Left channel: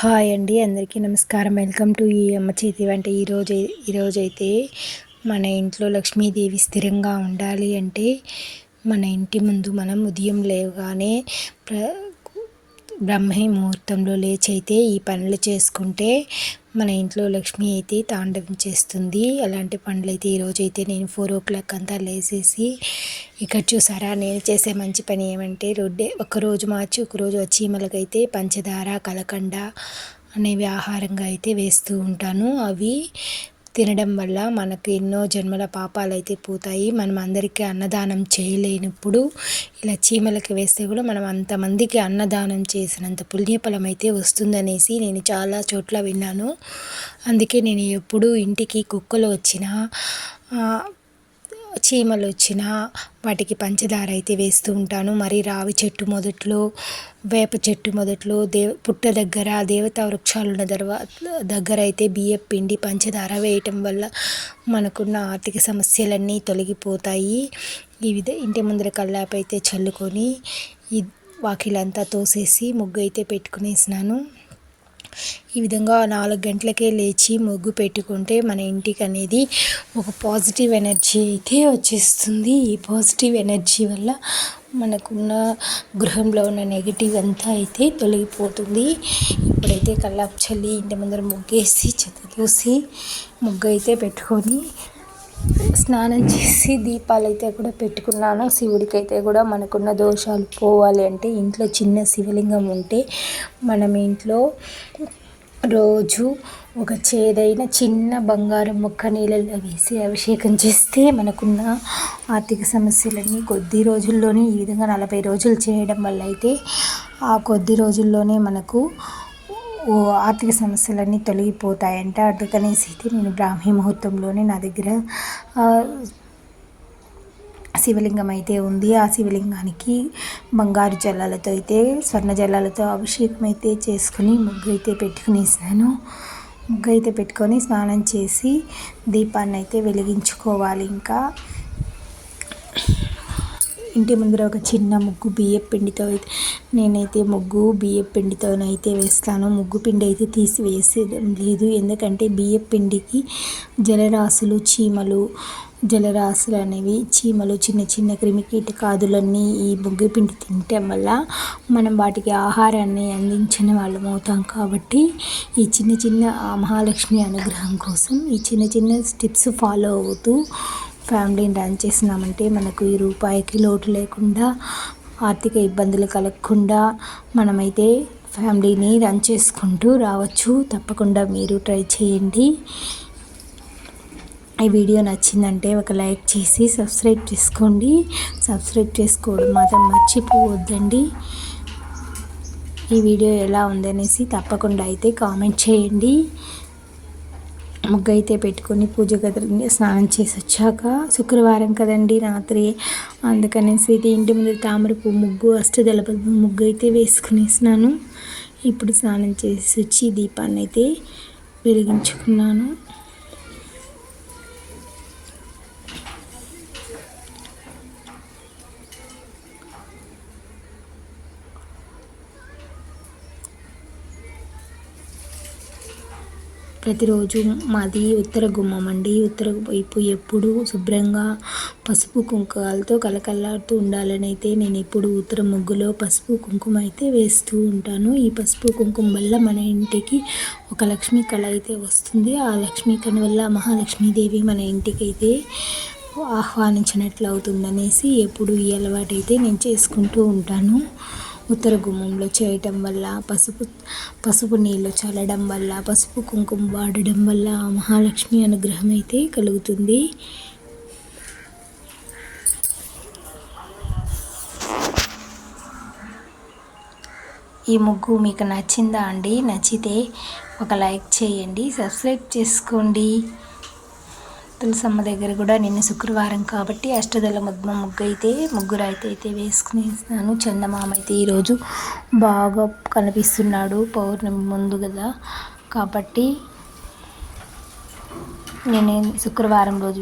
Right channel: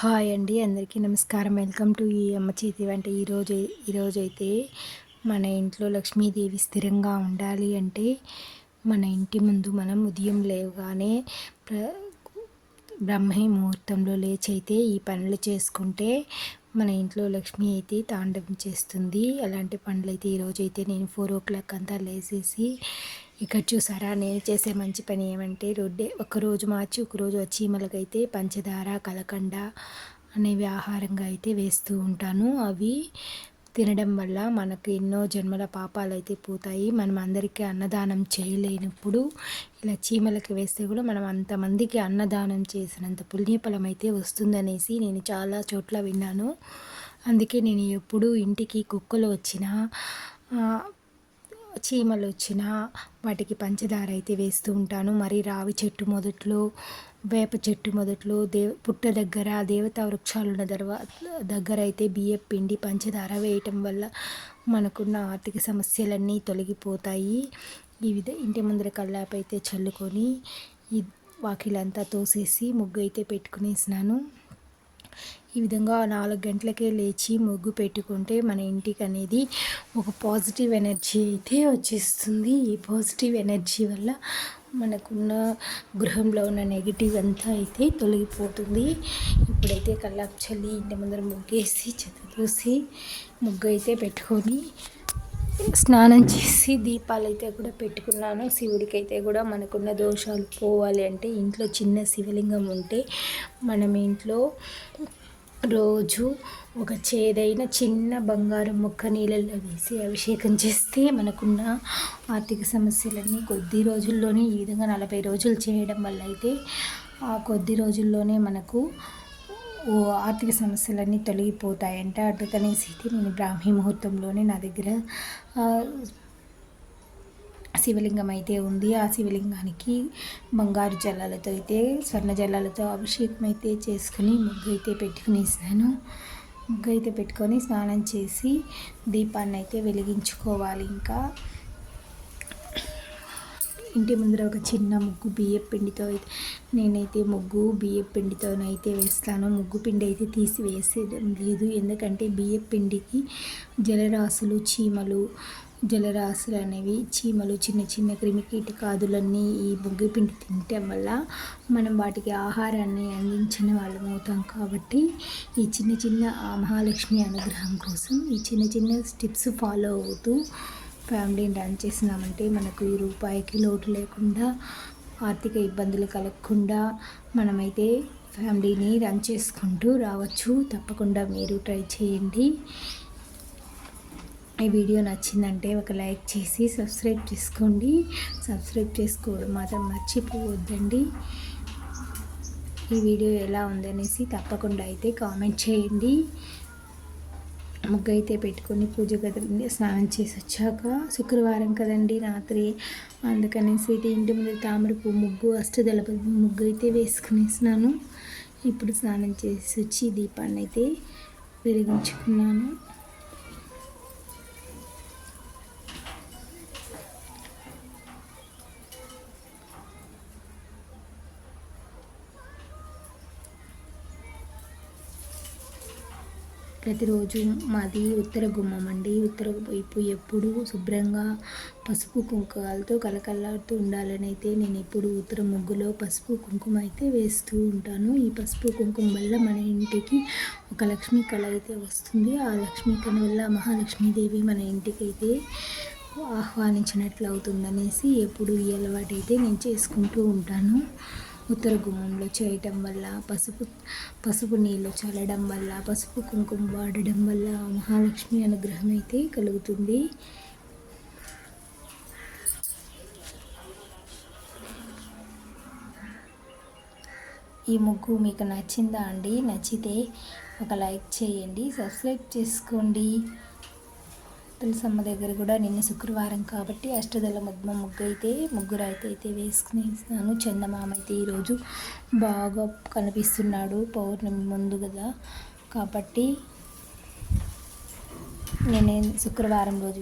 Hi అండి, అందరికీ నమస్కారం. వెల్కమ్ టు ఈ అమ్మ చేతి వంట. ఈరోజైతే మన ఇంట్లో లక్ష్మీదేవి స్థిరంగా ఉండాలి అంటే మన ఇంటి ముందు మనం ఉదయం లేవగానే బ్రహ్మీ ముహూర్తంలో లేచైతే ఈ పనులు చేసుకుంటే మన ఇంట్లో లక్ష్మి అయితే తాండవం చేస్తుంది. అలాంటి పనులు అయితే ఈరోజైతే నేను 4 o'clock అంతా లేచేసి, ఇక్కడ చూసారా నేను చేసే మంచి పని ఏమంటే ఒకరోజు మార్చి ఒకరోజు చీమలకైతే పంచదార కలకండ అనేవి ఆహారంగా అయితే వేస్తూ ఉంటాను. అవి తినడం వల్ల మనకు ఎన్నో జన్మల పాపాలు అయితే పోతాయి. మనం అందరికీ అన్నదానం చేయలేనప్పుడు ఇలా చీమలకి వేస్తే కూడా మనం అంతమందికి అన్నదానం చేసినంత పుణ్యఫలం అయితే వస్తుందనేసి నేను చాలా చోట్ల విన్నాను. అందుకే నేను ఎప్పుడూ ఇంటికి కుక్కలు వచ్చినా చీమలు వచ్చినా వాటికి పంచదార అయితే వేస్తూ ఉంటాను. మరి రావి చెట్టు మొదట్లో, వేప చెట్టు మొదట్లో, పుట్ట దగ్గర, దేవతా వృక్షాలు ఉన్న దగ్గర అయితే బియ్యం పిండి పంచదార వేయటం వల్ల మనకున్న ఆర్థిక సమస్యలన్నీ తొలగిపోతాయి. ఇంటి ముందర కల్లాపు అయితే చల్లుకొని వాకిలంతా తోసేసి ముగ్గు అయితే పెట్టుకునేసినాను. ఈ విధంగా 4 గంటలకే లేచి ముగ్గు పెట్టుకుంటే మన ఇంటికి అనేది ఒక పాజిటివ్ ఎనర్జీ అయితే వచ్చేస్తుంది. ఈ పాజిటివ్ ఎనర్జీ వల్ల మనకున్న గృహంలో ఉన్న నెగిటివ్ అంతా అయితే తొలగిపోతుంది. ఇప్పుడైతే కల్లాపు చల్లి ఇంటి ముందర ముగ్గేసి చెత్త తోసి ముగ్గు అయితే పెట్టుకొని స్నానం చేసి దీపాలు అయితే కూడా పెట్టుకున్నాను. శివుడికి అయితే కూడా మనకున్న దోషాలు పోవాలి అంటే ఇంట్లో చిన్న శివలింగం ఉంటే మనం ఇంట్లో రోజు ఒక చేదైన చిన్న బంగారం ముక్క నీళ్ళల్లో వేసి అభిషేకం చేస్తే మనకున్న ఆర్థిక సమస్యలన్నీ కొద్ది రోజుల్లోనే, ఈ విధంగా 40 రోజులు చేయడం వల్ల అయితే ఆ కొద్ది రోజుల్లోనే మనకు ఆర్థిక సమస్యలన్నీ తొలగిపోతాయంట. అందుకనేసి అయితే నేను బ్రాహ్మీ ముహూర్తంలోనే నా దగ్గర శివలింగం అయితే ఉంది. ఆ శివలింగానికి బంగారు జలాలతో అయితే స్వర్ణ జలాలతో అభిషేకం అయితే చేసుకుని ముగ్గు అయితే పెట్టుకునేసాను. ముగ్గు అయితే పెట్టుకొని స్నానం చేసి దీపాన్ని అయితే వెలిగించుకోవాలి. ఇంకా ఇంటి ముందర ఒక చిన్న ముగ్గు బియ్యం పిండితో అయితే నేనైతే ముగ్గు బియ్యం పిండితోనైతే వేస్తాను. ముగ్గు పిండి అయితే తీసి వేసేది లేదు, ఎందుకంటే బియ్యం పిండికి జలరాశులు అనేవి చీమలు చిన్న చిన్న క్రిమికీటకాదులన్నీ ఈ ముగ్గు పిండి తినటం వల్ల మనం వాటికి ఆహారాన్ని అందించిన వాళ్ళం అవుతాం. కాబట్టి ఈ చిన్న చిన్న మహాలక్ష్మి అనుగ్రహం కోసం ఈ చిన్న చిన్న స్టెప్స్ ఫాలో అవుతూ ఫ్యామిలీని రన్ చేసినామంటే మనకు ఈ రూపాయికి లోటు లేకుండా, ఆర్థిక ఇబ్బందులు కలగకుండా మనమైతే ఫ్యామిలీని రన్ చేసుకుంటూ రావచ్చు. తప్పకుండా మీరు ట్రై చేయండి. ఈ వీడియో నచ్చిందంటే ఒక లైక్ చేసి సబ్స్క్రైబ్ చేసుకోండి. సబ్స్క్రైబ్ చేసుకోవడం మాత్రం మర్చిపోవద్దండి. ఈ వీడియో ఎలా ఉందనేసి తప్పకుండా అయితే కామెంట్ చేయండి. ముగ్గు అయితే పెట్టుకొని పూజ గదిలో స్నానం చేసి వచ్చాక శుక్రవారం కదండి రాత్రి, అందుకనేసి ఇంటి ముందు తామర పువ్వు ముగ్గు, అష్టదళ ముగ్గు అయితే వేసుకునేసినాను. ఇప్పుడు స్నానం చేసి వచ్చి దీపాన్ని అయితే వెలిగించుకున్నాను. ప్రతిరోజు మాది ఉత్తర గుమ్మం అండి. ఉత్తర వైపు ఎప్పుడు శుభ్రంగా పసుపు కుంకుమలతో కలకల్లాడుతూ ఉండాలని అయితే నేను ఎప్పుడు ఉత్తర ముగ్గులో పసుపు కుంకుమ అయితే వేస్తూ ఉంటాను. ఈ పసుపు కుంకుమ వల్ల మన ఇంటికి ఒక లక్ష్మీ కళ అయితే వస్తుంది. ఆ లక్ష్మీ కళ వల్ల మహాలక్ష్మీదేవి మన ఇంటికి అయితే ఆహ్వానించినట్లు అవుతుందనేసి ఎప్పుడు ఈ అలవాటు అయితే నేను చేసుకుంటూ ఉంటాను. ఉత్తర గుమ్మంలో చేయటం వల్ల పసుపు నీళ్ళు చల్లడం వల్ల, పసుపు కుంకుమ వాడడం వల్ల మహాలక్ష్మి అనుగ్రహం అయితే కలుగుతుంది. ఈ ముగ్గు మీకు నచ్చిందా అండి? నచ్చితే ఒక లైక్ చేయండి, సబ్స్క్రైబ్ చేసుకోండి. తులసమ్మ దగ్గర కూడా నిన్న శుక్రవారం కాబట్టి అష్టదళ ముగ్గురు అయితే వేసుకునేసాను. చందమామ అయితే ఈరోజు బాగా కనిపిస్తున్నాడు, పౌర్ణమి ముందు కదా, కాబట్టి నేను శుక్రవారం రోజు